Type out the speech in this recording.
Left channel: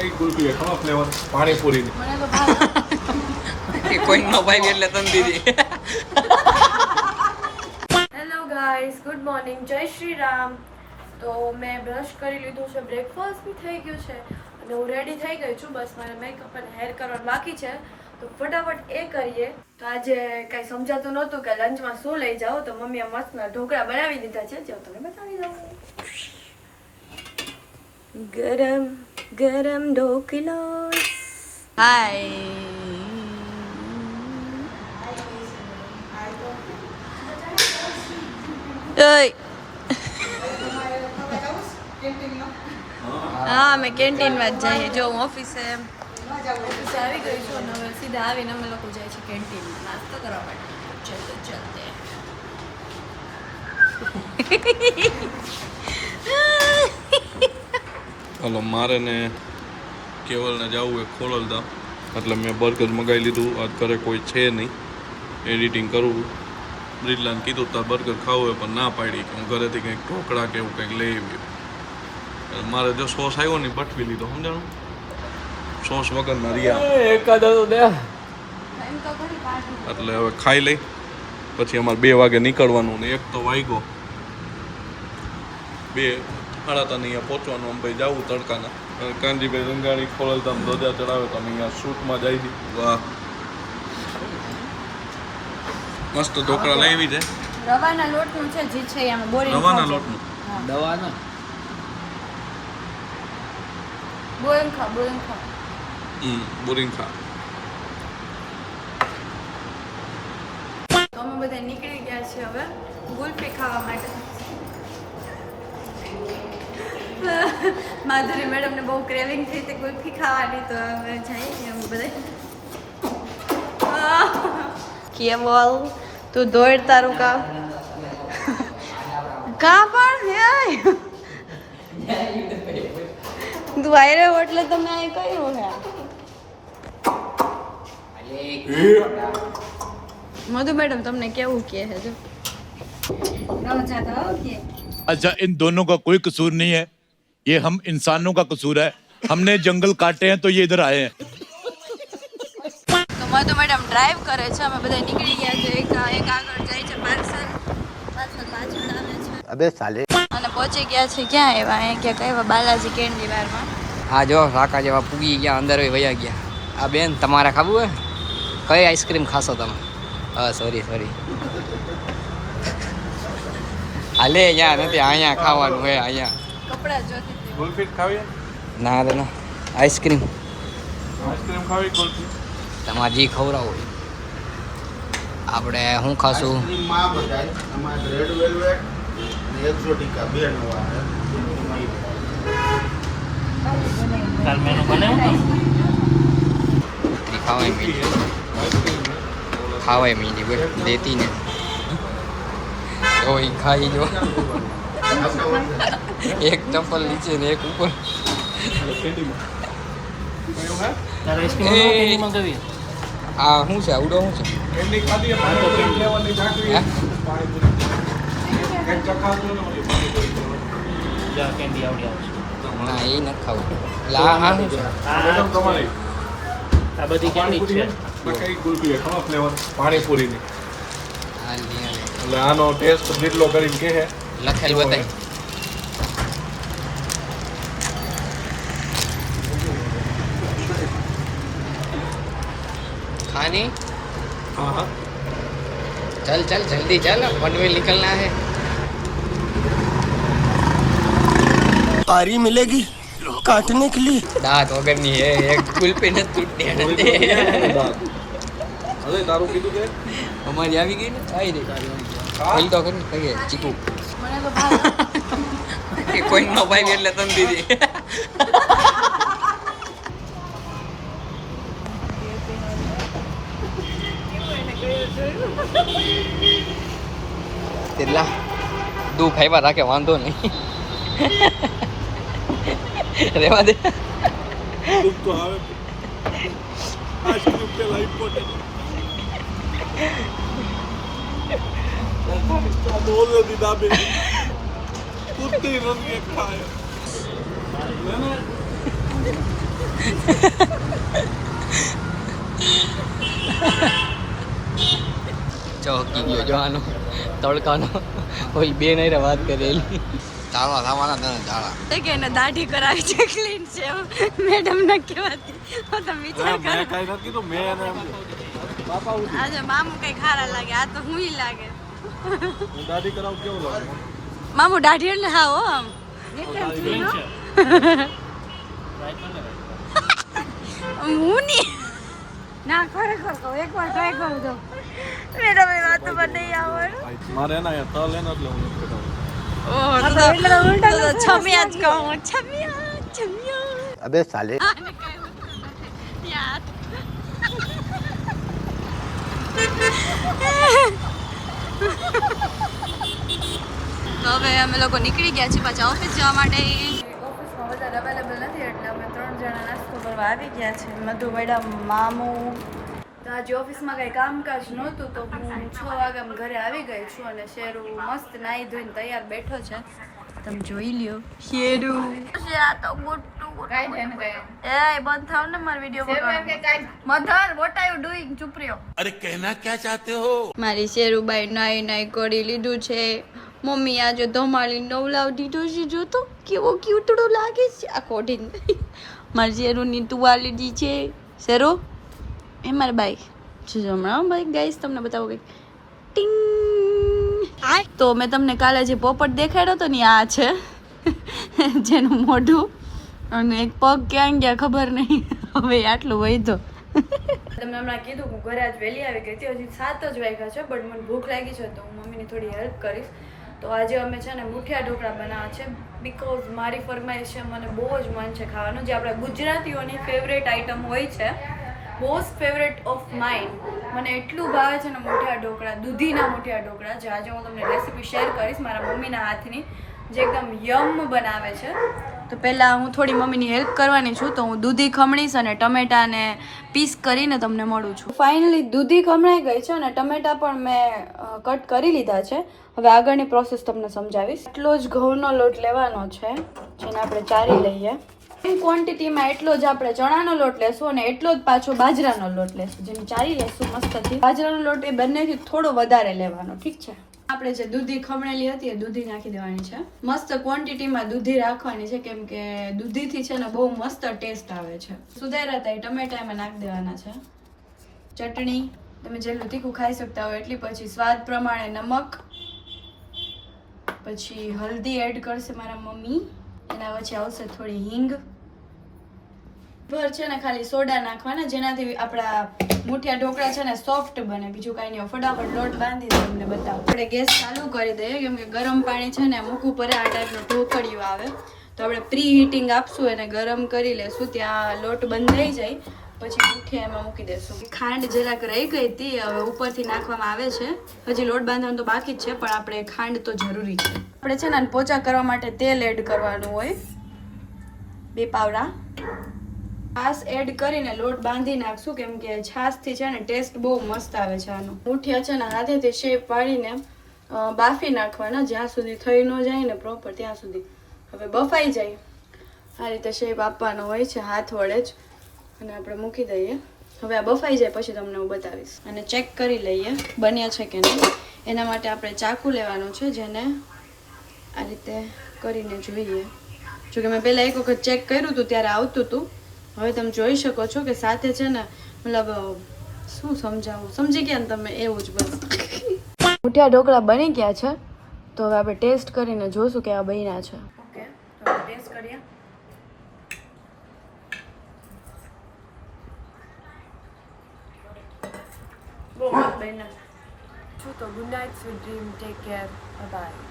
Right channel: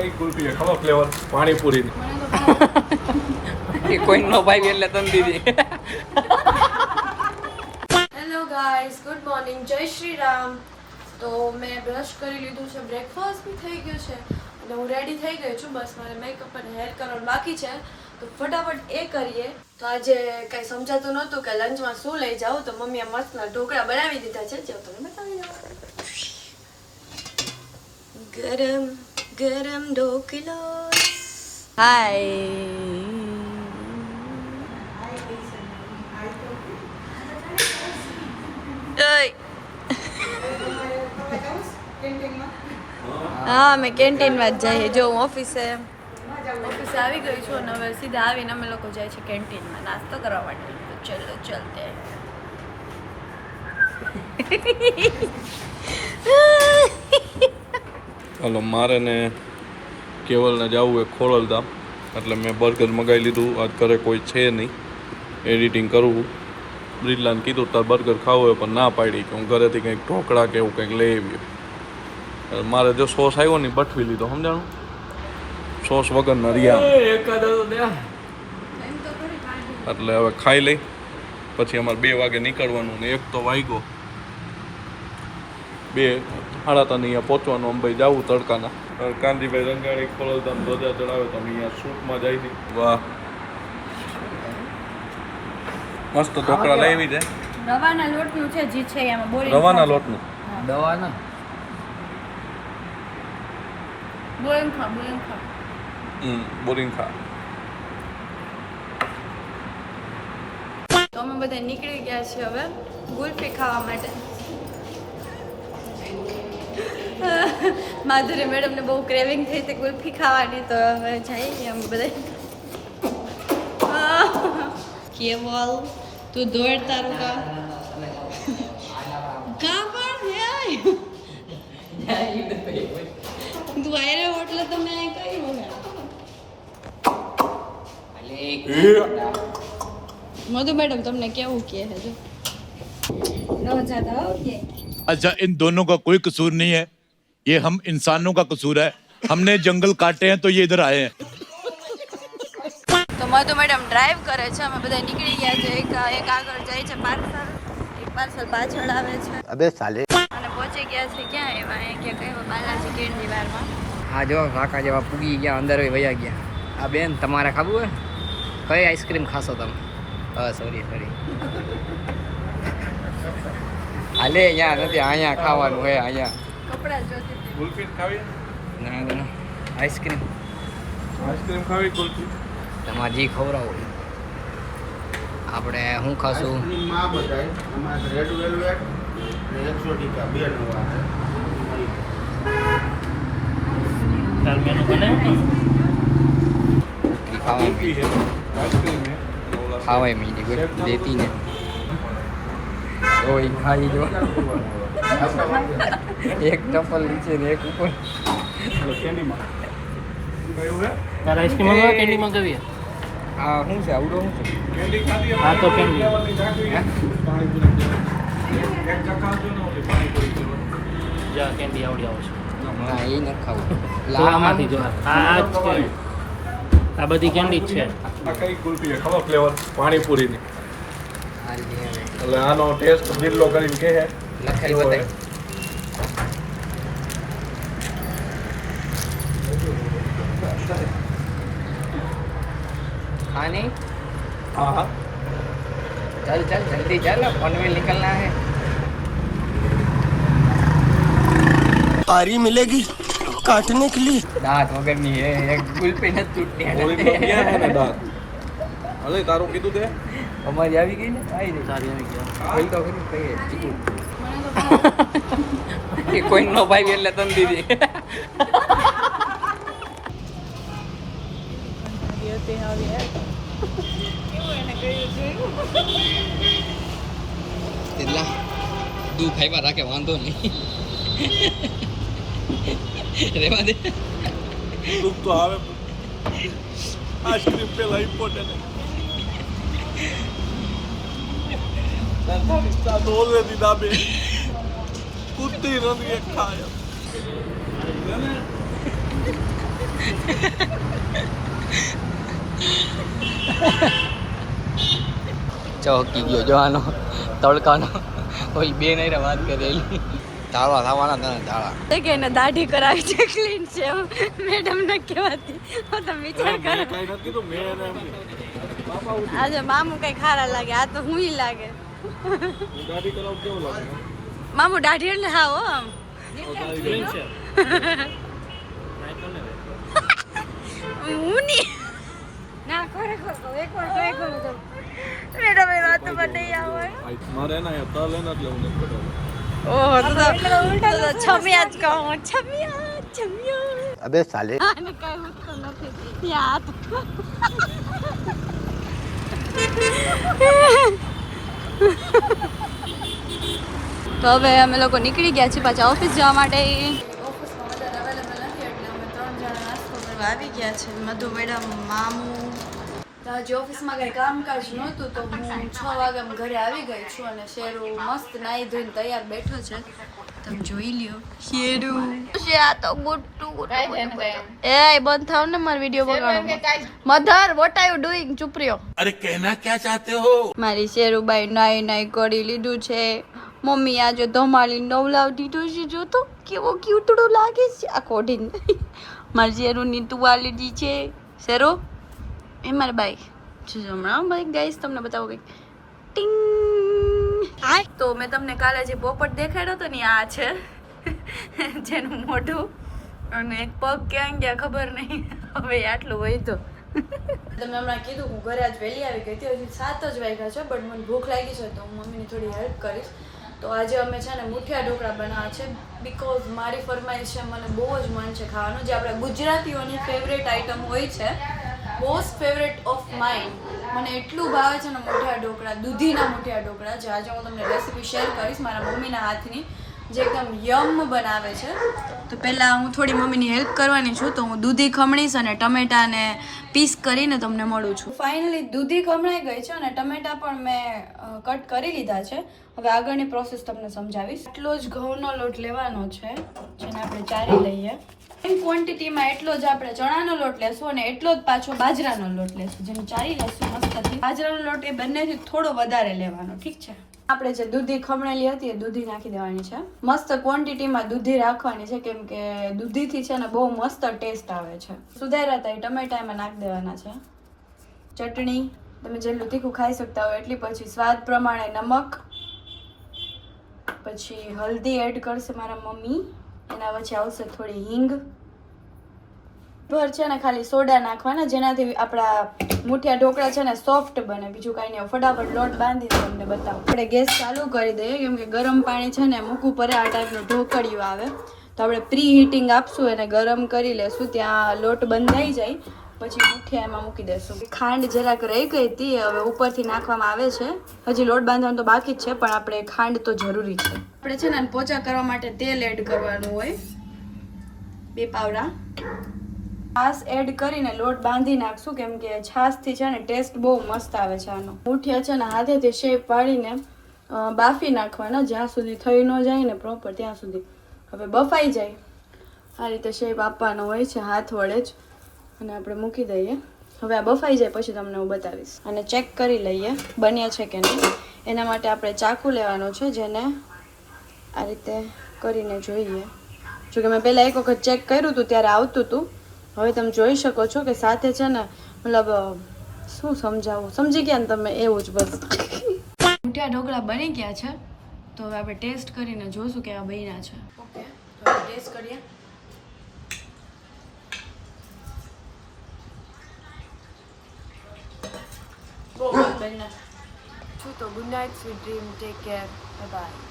કઈ કુલ્ફી છે ખબર ફ્લેવર પાણીપુરી એ કોઈ નો ભાઈ એટલે તન દીધી. હેલો ગાઈસ, ગુડ મોર્નિંગ, જય શ્રી રામ. તો મેં બ્રશ કરી લીધું છે, બ્રેકફાસ્ટ બી થઈ ગયું છે અને હું રેડી થઈ ગઈ છું. બસ મારે મેકઅપ અને હેર કરવાનું બાકી છે, તો ફટાફટ એ કરીએ. તો આજે કંઈ સમજાતું નહોતું કે લંચમાં શું લઈ જાઉં, તો મમ્મીએ મસ્તના ઢોકળા બનાવી દીધા છે, જે હું તમને બતાવી દઉં. ગરમ ગરમ ઢોકળા. હાય. હા, અમે કેન્ટીનમાં જ જઈએ. જો હું ઓફિસે આવી ગઈ છું અને હવે સીધા આવીને અમે લોકો જાય છે કેન્ટીનમાં નાસ્તો કરવા માટે. તો ચલો ચલતે. ચાલો મારે ને કેવલને જવું એ ખોરલધામ, એટલે મેં બર્ગર મગાવી લીધું. આજ ઘરે કોઈ છે નહીં, એડિટિંગ કરવું. બ્રિજલાને કીધું તાર બર્ગર ખાવું હોય પણ ના પાડી કે હું ઘરેથી કંઈક ઢોકળા કે એવું કંઈક લઈ આવ્યું. મારે જો સોસ આવ્યો ને બઠવી લીધો, સમજાણું? સોસ વગરના રહ્યા એટલે હવે ખાઈ લઈ, પછી અમારે 2 વાગે નીકળવાનું ને 1 તો વાગ્યો. 2:30 અહીંયા પહોંચવાનું. અમે ભાઈ જવું તડકાના. કાનજીભાઈ રંગાણી ખોરલધામ ધજા ચડાવે તો અમે અહીંયા શૂટમાં જાય છે. વાહ, મસ્ત ઢોકળા લઈ આવી છે. રવાના લોટનું છે, જે છે એમાં બોરી રવાના લોટનું દવાના બોરિંગ ખા. બોરિંગ ખા. તો અમે બધા નીકળી ગયા છીએ હવે ગુલ્ફી ખાવા માટે. માધુરી મેડમને બહુ ક્રેવિંગ થઈ હતી ગુલ્ફી ખાવાની, તો અમે જઈએ અમે બધા. કે બોલ તું દોડ તારું કામ કા પણ તું આયરે એટલે તમે આ કર્યું હે. મધુ મેડમ તમને કેવું કહે છે જો अच्छा, इन दोनों का कोई कसूर नहीं है, ये हम इंसानों का कसूर है. हमने जंगल काटे हैं तो ये इधर आए हैं. તો મધુ મેડમ ડ્રાઈવ કરે છે, અમે બધા નીકળી ગયા છે. એક આગળ જાય છે પાર્સલ, એક પાર્સલ પાછળ આવે છે. અબે સાલે. અને પહોંચી ગયા છે ક્યાં એવા કે કઈ બાલાજી કેન્ડી બારમાં. આ જો કાકા જેવા પૂગી ગયા, અંદર વયા ગયા. આ બેન તમારે ખાવું હોય કઈ આઈસ્ક્રીમ ખાશો તમે? સોરી હાલે અહીંયા નથી, અહીંયા ખાવાનું હે. અહીંયા કપડા જોતી હતી. ગુલ્ફી ખાવી? ના આઈસ્ક્રીમ આઈસ્ક્રીમ ખાવી ગુલ્ફી? તમારે જે ખવડાવ હોય. આપણે શું ખાશું? રેડ વેલ્વેટ ને એક્ઝોટિકા 2 નવા છે. ઉતરી ખાવાય મીઠી બોલ દેતી ને જો એ ખાઈ જો. એક ચપ્પલ નીચે ને એક ઉપર. આ શું છે? આવડો શું છે? કેન્ડી ખાધી? હા તો કેન્ડી લેવાની બાકી હે? એક ચક્કા તો ને ઓલી પાણીપુરી ના એ નથી ખાવું. લા હા શું છે? તમારી આ બધી કેન્ડી છે. આ કઈ કુલ્ફી છે ખબર ફ્લેવર પાણીપુરીની? હા લે એટલે આનો ટેસ્ટ જેટલો કરીને કહે લખેલ બતાય. खाने હા चल चल जल्दी चल, पनवेल निकलना है. आरी मिलेगी काटने के लिए. दांत वगैरह नहीं है, एक गुल पे न टूटते હવે તારું કીધું કે हमारी આવી ગઈ ને આવી ગઈ. બોલ તો ખરી કહીએ ચીકુ એ કોઈ નો ભાઈ એટલે તન દીધી. તેલા દુઃખ આવ્યા રાખે વાંધો નહીં. રેવા દે. દુઃખ તો આવે. આઈસ્ક્રીમ પેલા ઇમ્પોર્ટન્ટ ઓલરેડી દાબે કુત્તી રમી ખાય. ચોકી ગયો જો આનો તડકાનો ઓલી બે નહીં વાત કરેલી તાળા થવાના તને તાળા કે એને દાઢી કરાવી છે ક્લીન છે મેડમ ને કહેવાતી તમે વિચાર કરો આજે મામુ કઈ ખારા લાગે આ તો હું લાગે દાઢી કરાવ કેવું લાગે મામુ દાઢી એટલે હા હો આમ હું નહીં ના ખરેખર એકવાર ટ્રાય કરજો મેડમ એ વાત પર નહીં આવે મારે એના અહીંયા તલ એના એટલે હું નથી કરાવું ઓહ તો છમિયા જ કહું છમિયા અબે સાલે આને કઈ ઉઠતું નથી યાર તો હવે અમે લોકો નીકળી ગયા છીએ પાછા ઓફિસ જવા માટે ઓફિસમાં વધારે અવેલેબલ નથી એટલે અમે 3 જણા નાસ્તો કરવા આવી ગયા છે મધુ મેડમ મામુ તો આજે ઓફિસમાં કંઈ કામકાજ નહોતું તો હું 6 વાગ્યામાં ઘરે આવી ગઈ છું અને શેરુ મસ્ત નાહી ધોઈને તૈયાર બેઠો છે તમે જોઈ લ્યો શેરુ આ તો ગુટ્ટુ એ બંધ થાવ ને મારો વિડિયો બગાડો mother what are you doing ચૂપ રહ્યો अरे कहना क्या चाहते हो મારી શેરુબાઈ નાઈ નાઈ કરી લીધું છે મમ્મી આજે ધમાલી નવલાવ દીધું છે જો તો કેવો ક્યુટડો લાગે છે આ કોડિંગ મારી શેરુની તુવા લીધી છે શેરુ એ મારી બાઈ જો હમણાં બાઈ ગાઈસ તમને બતાવો કંઈક ટિંગ આ તો મેં તમને કાલે જે પોપટ દેખાડ્યો હતો ને આ છે જેનું મોઢું અને એક પગ ક્યાં ગયા ખબર નહીં હવે આટલું વૈધો તમે હમણાં કીધું હું ઘરે આજ વહેલી આવી ગઈ હતી હજી 7 જ વાગ્યા છે બટ મને ભૂખ લાગી છે તો હું મમ્મીની થોડી હેલ્પ કરીશ તો આજે અમે છે ને મુઠિયા ઢોકળા બનાવવા છે બીકોઝ મારી ફરમાઈશ છે મને બહુ જ મન છે ખાવાનું જે આપણા ગુજરાતીઓની ફેવરેટ આઈટમ હોય છે મોસ્ટ ફેવરેટ ઓફ માઇન્ડ મને એટલું ભાવે છે ને મુઠિયા ઢોકળા દૂધીના મુઠિયા ઢોકળા જે આજે હું તમને રેસીપી શેર કરીશ મારા મમ્મીના હાથની જે એકદમ યમ બનાવે છે તો પહેલાં હું થોડી મમ્મીની હેલ્પ કરવાની છું તો હું દૂધી ખમણીશ અને ટમેટાને પીસ કરીને તમને મળું છું ફાઇનલી દૂધી ખમણાઈ ગઈ છે અને ટમેટા પણ મેં કટ કરી લીધા છે હવે આગળની પ્રોસેસ તમને સમજાવીશ એટલો જ ઘઉંનો લોટ લેવાનો છે જેને આપણે ચારી લઈએ સેમ ક્વોન્ટિટીમાં એટલો જ આપણે ચણાનો લોટ લેશું અને એટલો જ પાછો બાજરાનો લોટ લેશું જેને ચારી લેશું મસ્તથી બાજરાનો લોટ એ બંનેથી થોડો વધારે લેવાનો ઠીક છે આપણે જે દૂધી ખમણેલી હતી એ દૂધી નાખી દેવાની છે મસ્ત ક્વોન્ટિટીમાં દૂધી રાખવાની છે કેમ કે દૂધીથી છે ને બહુ મસ્ત ટેસ્ટ આવે છે સુધાર્યા હતા એ ટમેટા એમાં નાખી દેવાના છે ચટણી તમે જેટલું તીખું ખાઈ શકતા હોય એટલી પછી સ્વાદ પ્રમાણે નમક પછી હલ્દી એડ કરશે મારા મમ્મી એના પછી આવશે થોડી હિંગ ભર છે ને ખાલી સોડા નાખવાના જેનાથી આપણા મુઠિયા ઢોકળા છે ને સોફ્ટ બને બીજું કાંઈ નહીં ફટાફટ લોટ બાંધીને તમને બતાવું આપણે ગેસ ચાલુ કરી દઈએ કેમ કે ગરમ પાણી છે ને મૂકવું પડે આ ટાઈપનું ઢોકળિયું આવે તો આપણે પ્રી હીટિંગ આપશું એને ગરમ કરી લેશું ત્યાં લોટ બંધાઈ જાય પછી મુઠિયા એમાં મૂકી દેશું ખાંડ જરાક રહી ગઈ હતી હવે ઉપરથી નાખવામાં આવે છે હજી લોટ બાંધવાનું તો બાકી જ છે પણ આપણે ખાંડ તો જરૂરી છે આપણે છે ને પોચા કરવા માટે તેલ એડ કરવાનું હોય 2 પાવડા છાશ એડ કરીને લોટ બાંધી નાખશું કેમ કે છાશથી છે ને ટેસ્ટ બહુ મસ્ત આવે છે આનો મુઠિયા છે ને હાથેથી શેપ પાડીને બાફી નાખવાના જ્યાં સુધી થઈ ન જાય ને પ્રોપર ત્યાં સુધી હવે બફાઈ જાય આ રીતે શેપ આપવાનો હોય છે હાથ વડે જ અને આપણે મૂકી દઈએ હવે આ બફાઈ જાય પછી તમને હું બતાવીશ અને ચેક કરી લઈએ બન્યા છે કે નહીં એના માટે આપણે ચાકુ લેવાનો છે જેને આ રીતે કરીને જોઈએ જો કે મેં પહેલાં એક વખત ચેક કર્યું હતું ત્યારે આવતું હતું હવે તમે જોઈ શકો છો કે સાથે છે ને મતલબ શું સમજાવું સમજી ગયા ને તમે એવું જ બસ મુઠિયા ઢોકળા બની ગયા છે તો હવે આપણે ટેસ્ટ કરીને જોઈશું કે આ બન્યા છે ઓકે તો ટેસ્ટ કરીએ બહુ મસ્ત બન્યા છું તો good night sweet dream take care bye